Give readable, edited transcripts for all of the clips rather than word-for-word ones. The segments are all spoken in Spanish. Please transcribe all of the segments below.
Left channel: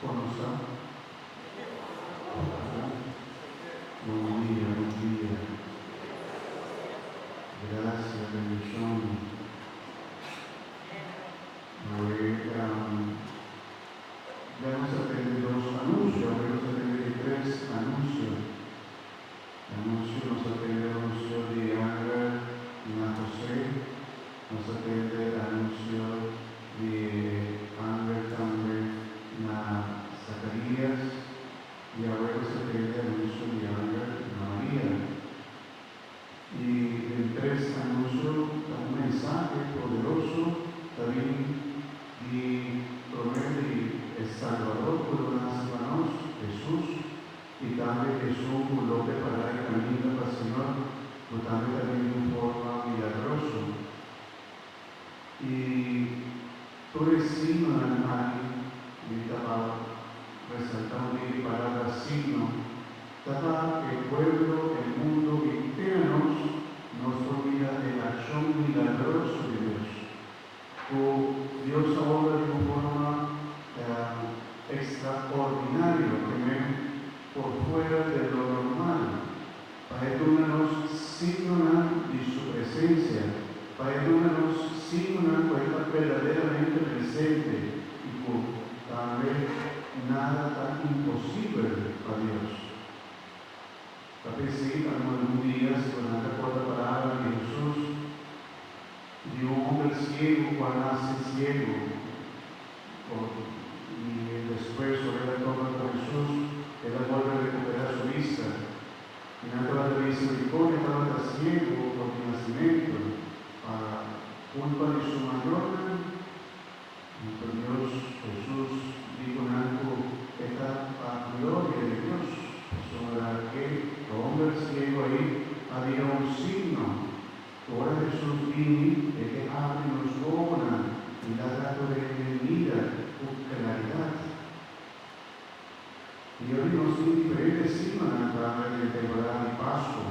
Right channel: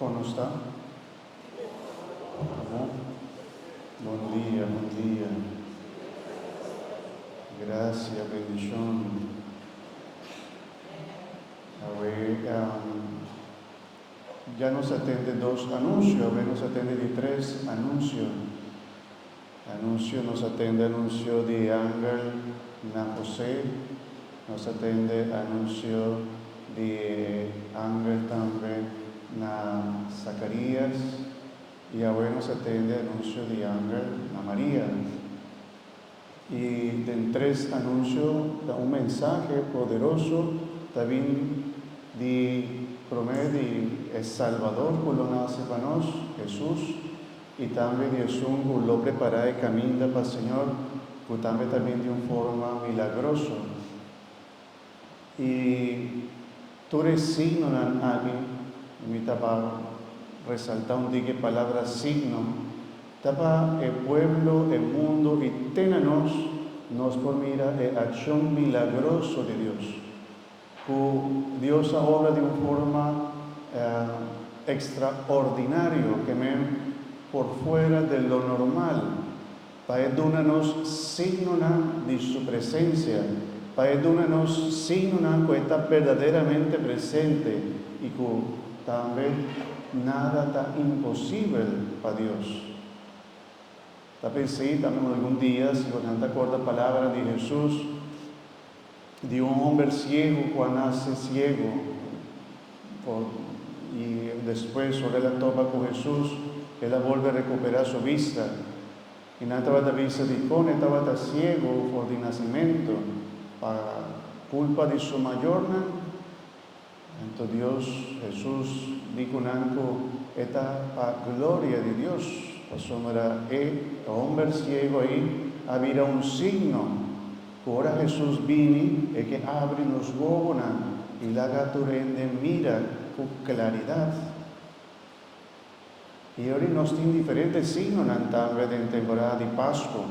¿Cómo está? Buen día, buen día. Gracias, bendición. A ver, ya nos atende 2 anuncios, hoy nos atende de 3 anuncios. Nos atende anuncio de Ángel na José, nos atende anuncio de Ángel también na Zacarías y ahora nos atende anuncio de Ángel na María. Y de 3 anuncios un mensaje poderoso también de promedio de El Salvador por lo nace para nos, Jesús. Y también Jesús lo prepara el camino para el Señor, pues también de una forma milagrosa. Y tú eres signo en alguien, me estaba resaltando de qué palabra signo, estaba el pueblo, el mundo, y ténanos, nos por mirar la acción milagrosa de Dios. Dios ahora de una forma extraordinaria, que por fuera de lo normal, para darnos signo de su presencia, para darnos signo que está verdaderamente presente y que también nada tan imposible para Dios. También sí, también algún día, si no te acuerdas la palabra de Jesús, de un hombre ciego cuando nace ciego, y después sobre la toma con Jesús, él vuelve a recuperar su vista. Y no estaba de misericordia, estaba ciego por el nacimiento, para culpa de su mayor. Entonces Dios, Jesús, dijo esta gloria de Dios. Eso no era el hombre ciego ahí, había un signo. Ahora Jesús vino y que abre los ojos y la naturaleza mira con claridad. Y ahora nos tiene diferentes signos en la temporada de Pascua.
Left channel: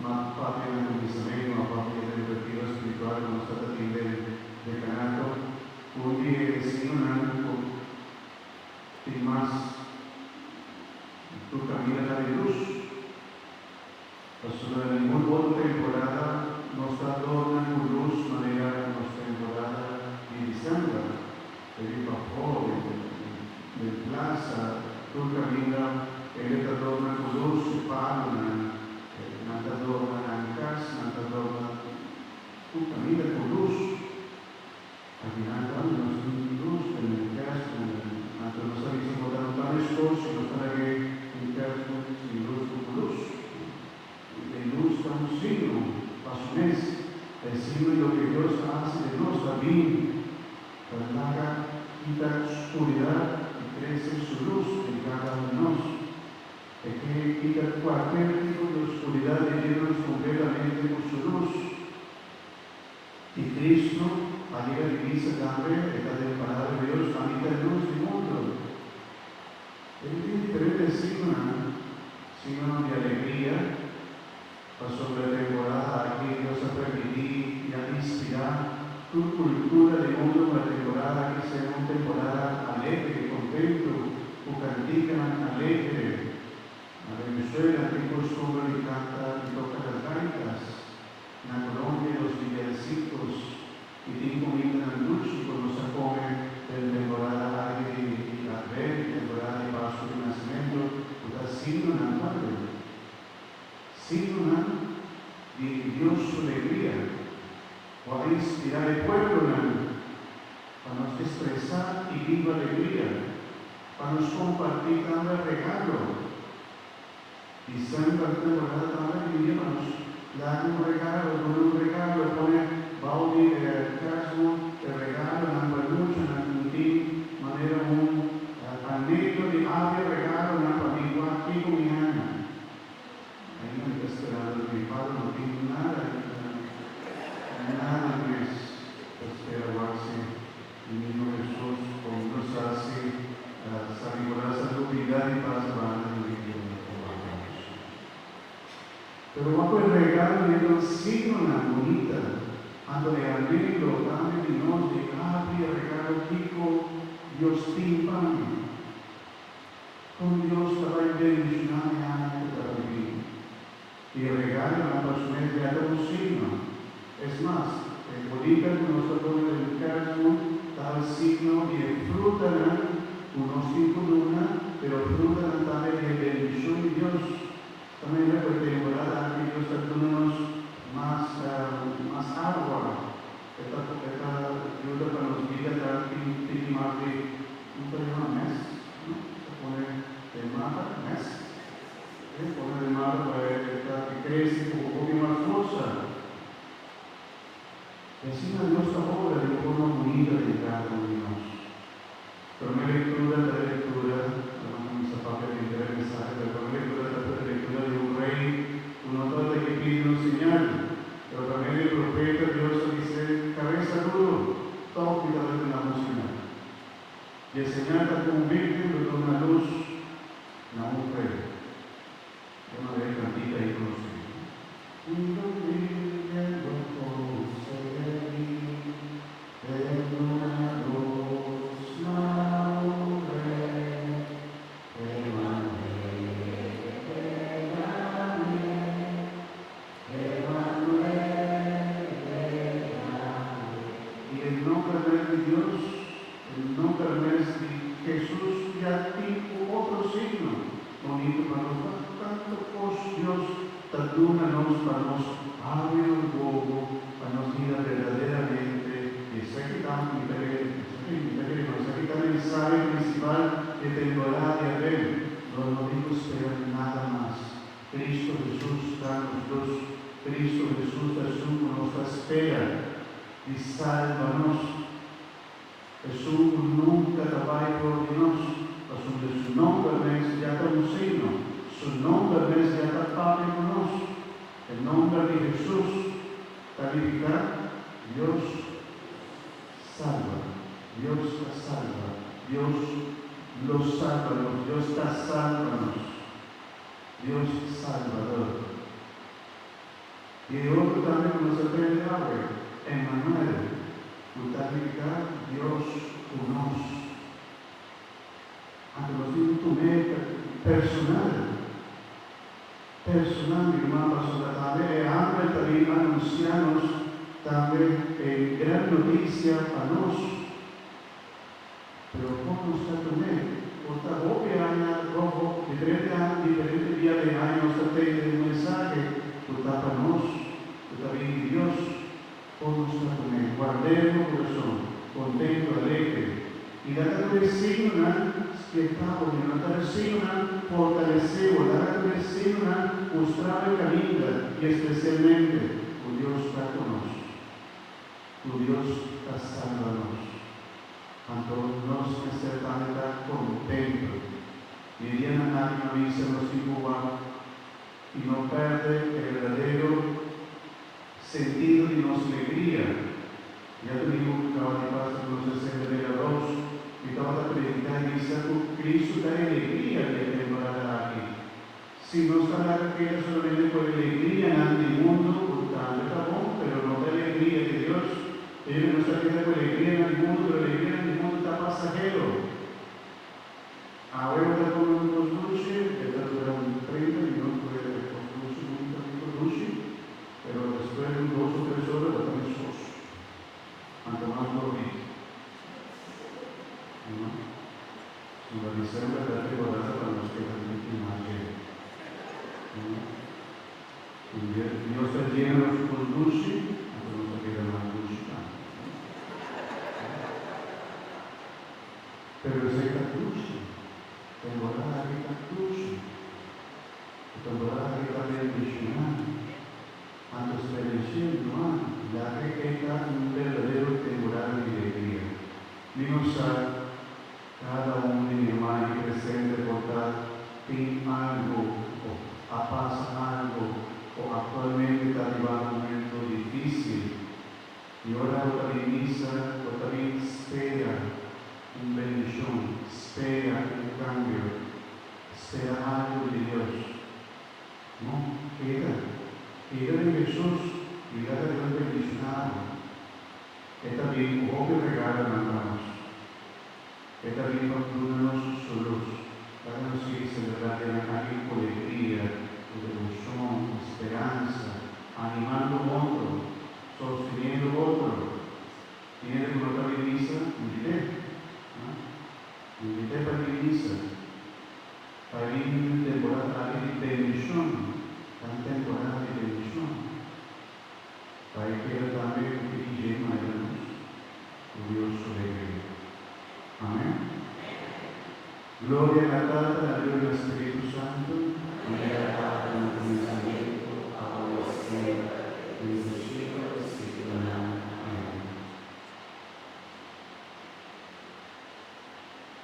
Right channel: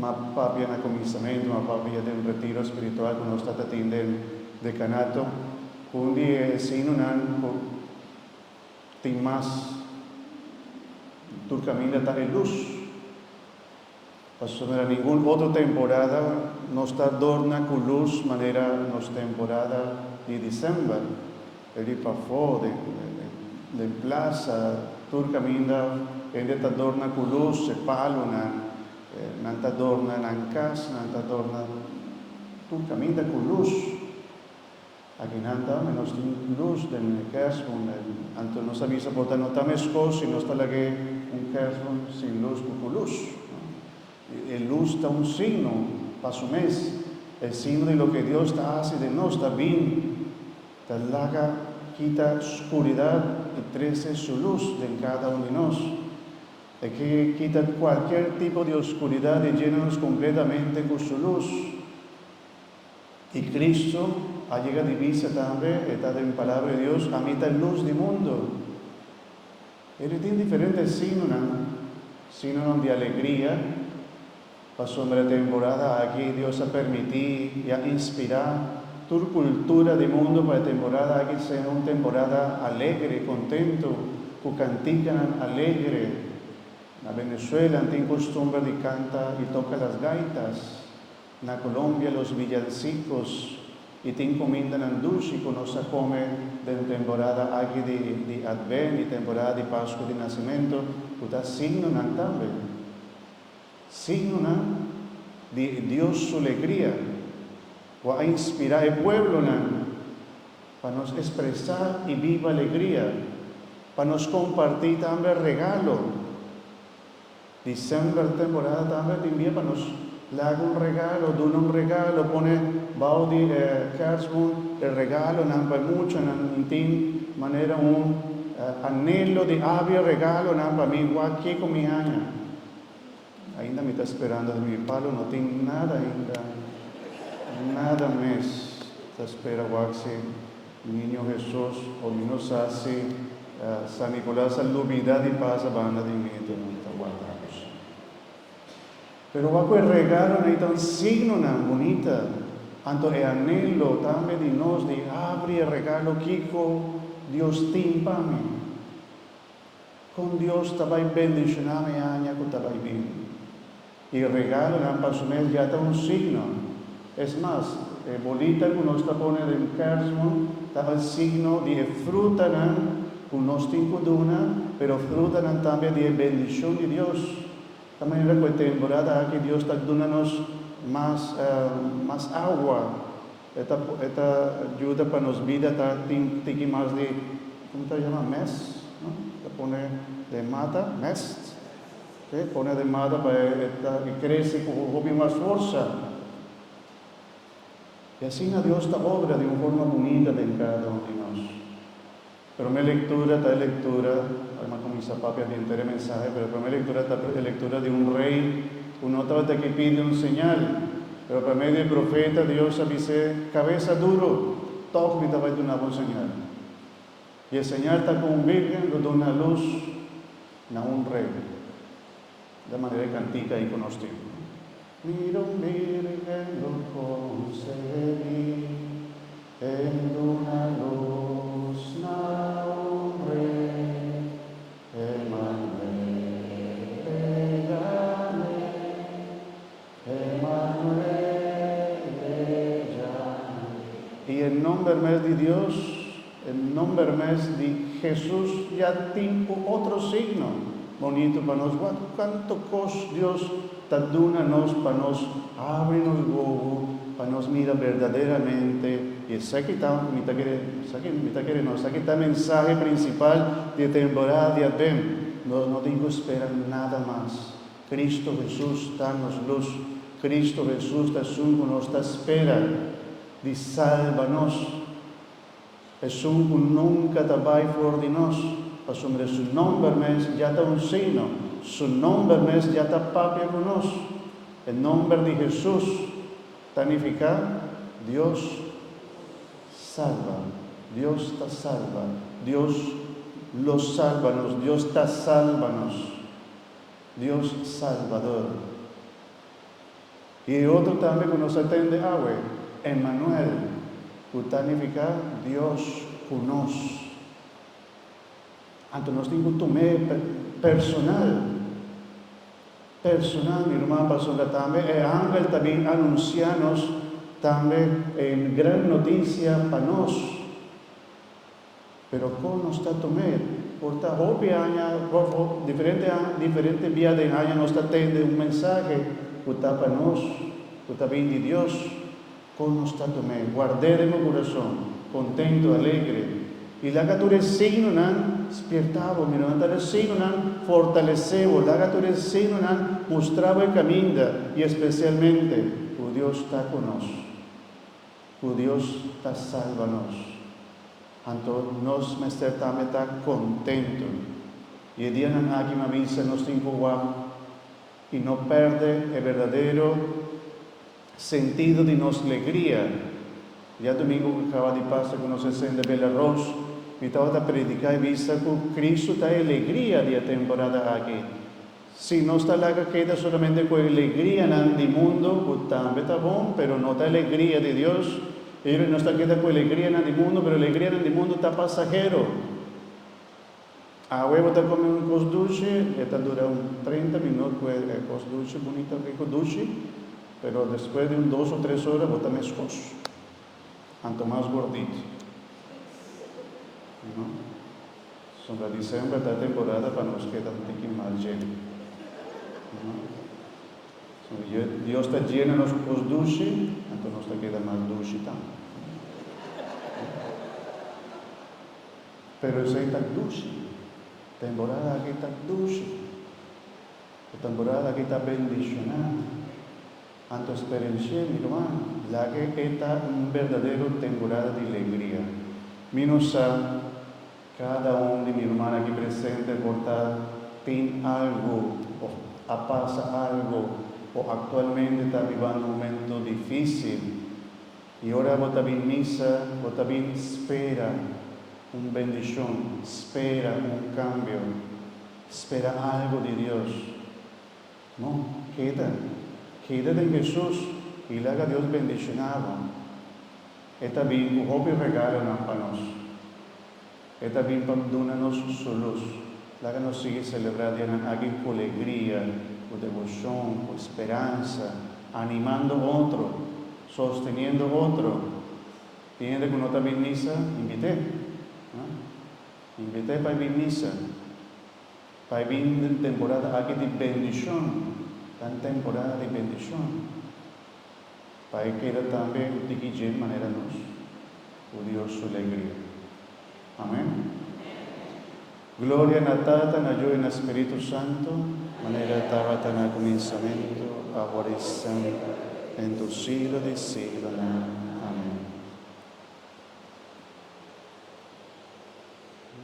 Más papi en el comisionamiento, más papi en el retiro espiritual, que nos está teniendo el decanato. Un día signo tiene más, tu camino está en luz. En ninguna otra temporada no está adorna con luz, manera en la temporada de diciembre. El pafó de plaza, tu camina, él está adorna con luz, se palma, no está adorna en casa, no está adorna, tu camina con luz. Aquí no está menos luz en el caso, antes no sabía soportar, no está esposo y no está la que en caso sin luz como luz. El luz está un signo para su mes, el signo de lo que Dios hace de nosotros, está bien, quita oscuridad y crece su luz en cada uno de nosotros. Es que quita cualquier tipo de oscuridad y llénanos completamente con su luz. Y Cristo ha llegado a vista también, está en la palabra de Dios, a mitad luz del mundo. Él tiene diferentes signos de alegría. Pasó la temporada aquí, Dios ha permitido y ha inspirado tu cultura del mundo para la temporada aquí sea una temporada alegre, contento, con cantica alegre. En Venezuela tiene costumbre de cantar y tocar las gaitas. En Colombia los villancicos y tienen comida en dulce, cuando se come de la temporada aquí de Advent y temporada de Pascua de Nacimiento, está signo en también. Signo de Dios su alegría, o a inspirar el pueblo para nos expresar y viva alegría, para nos compartir también regalo. Diciembre temporada también envía para nos dar un regalo, pone Baudi, Casmo, el regalo, para mucho, en manera un anhelo de había regalo, para mí, aquí con mi año. Ainda me está esperando de mi padre, no tengo nada ainda, nada más. Te espera el niño Jesús, o nos hace San Nicolás, salubridad y paz a banda de medio. Pero va por regalo, un signo bonita, tanto de anhelo, también de nos, de abre regalo, Kiko, Dios timpani. Con Dios estaba en bendicionar y aña con tal y regalan para su mes ya un signo. Es más, bolita que nos está poniendo en caso, estaba el signo de fruta, unos tipos de una, pero fruta también de bendición de Dios. También en la temporada aquí Dios está dándonos más agua. Esta ayuda para nos vida dar más de, ¿cómo se llama? Mes, ¿no? Se pone de mata, mes. Pone de mata para que crece con un poco más fuerza. Y así Dios está obra de una forma bonita de llegar a donde nos. Pero mi lectura, hermano, mis papás me interesa el mensaje, pero mi lectura de un rey, una nota que pide un señal. Pero para medio del profeta, Dios dice, cabeza duro, todo que estaba de una señal. Y el señal está con un virgen, de una luz, no un rey. De manera cantica y conocida. Mira un virgen, lo concedí, en una luz, no un rey, y el nombre de Dios, el nombre de Jesús, ya tiene otro signo. Bonito para nosotros, cuánto Dios está dándonos para nos abrir el bobo, para nos mirar verdaderamente. Y ese que está el mensaje principal de temporada de Adviento. No digo esperar nada más. Cristo Jesús danos luz. Cristo Jesús da nos está espera de sálvanos. Jesús nunca te va a fuera de nosotros. Sobre su nombre ya está un signo, su nombre ya está Padre con nosotros. El nombre de Jesús significa Dios salva, Dios te salva, Dios los salva, Dios te salva, Dios Salvador. Y otro también que nos atiende ahora, Emmanuel, que significa Dios con nosotros. Antes nos dijo un tomé personal, mi hermano pasó también, ángel también anuncianos también en gran noticia para nosotros. Pero ¿cómo nos está tomé? Porque obvio, diferente vía de año nos está teniendo un mensaje, que está para nosotros, que está bien de Dios. ¿Cómo nos está tomé? Guardé en el corazón, contento, alegre. Y la catura signo despertaba, la catura signo fortaleceba, la catura signo mostraba el camino y especialmente, Dios está con nosotros, Dios está salvándonos. Entonces nos necesitamos estar contentos. Y el día en que me dice nos tiempo y no pierde el verdadero sentido de nuestra alegría. Ya domingo acaba de pasar con nosotros en Belarus. Y estaba a predicar y dice que Cristo da alegría de la temporada aquí. Si no está la que queda solamente con alegría en el mundo, pues también está bueno, pero no da alegría de Dios. Y no está queda con alegría en el mundo, pero la alegría en el mundo está pasajero. Ahora está comiendo un post dulce, está durando 30 minutos, el post dulce, bonito, rico dulce, pero después de 2 o 3 horas está más esposo, tanto más gordito. Sobre diciembre esta temporada para nos queda un poquito más lleno. Dios está lleno de los post dulce, entonces nos queda más dulce también. Pero esa está dulce. Temporada que está dulce. Temporada que está bendicionada. Antes bendición, hermano, la que está un verdadero temporada de alegría. Menos cada hombre y hermana que presente portar tiene algo, o pasa algo, o actualmente está viviendo un momento difícil. Y ahora no también misa, no también espera una bendición, espera un cambio, espera algo de Dios. No, queda de Jesús y la Dios bendicionado. Es también tu propio regalo para nosotros. e também conduz-nos sua luz. Lá que nós seguimos celebrando aqui com alegria, com devoção, com esperança, animando outro, sosteniendo outro. Quem reconoce a missa, invité para a missa, para vir temporada aqui de bendição, tan temporada de bendição. Para que também de maneira curioso alegria. Amém? Glória na Tata, na Filho e no Espírito Santo, maneira estava na pensamento, agora está, em do siglo de siglo.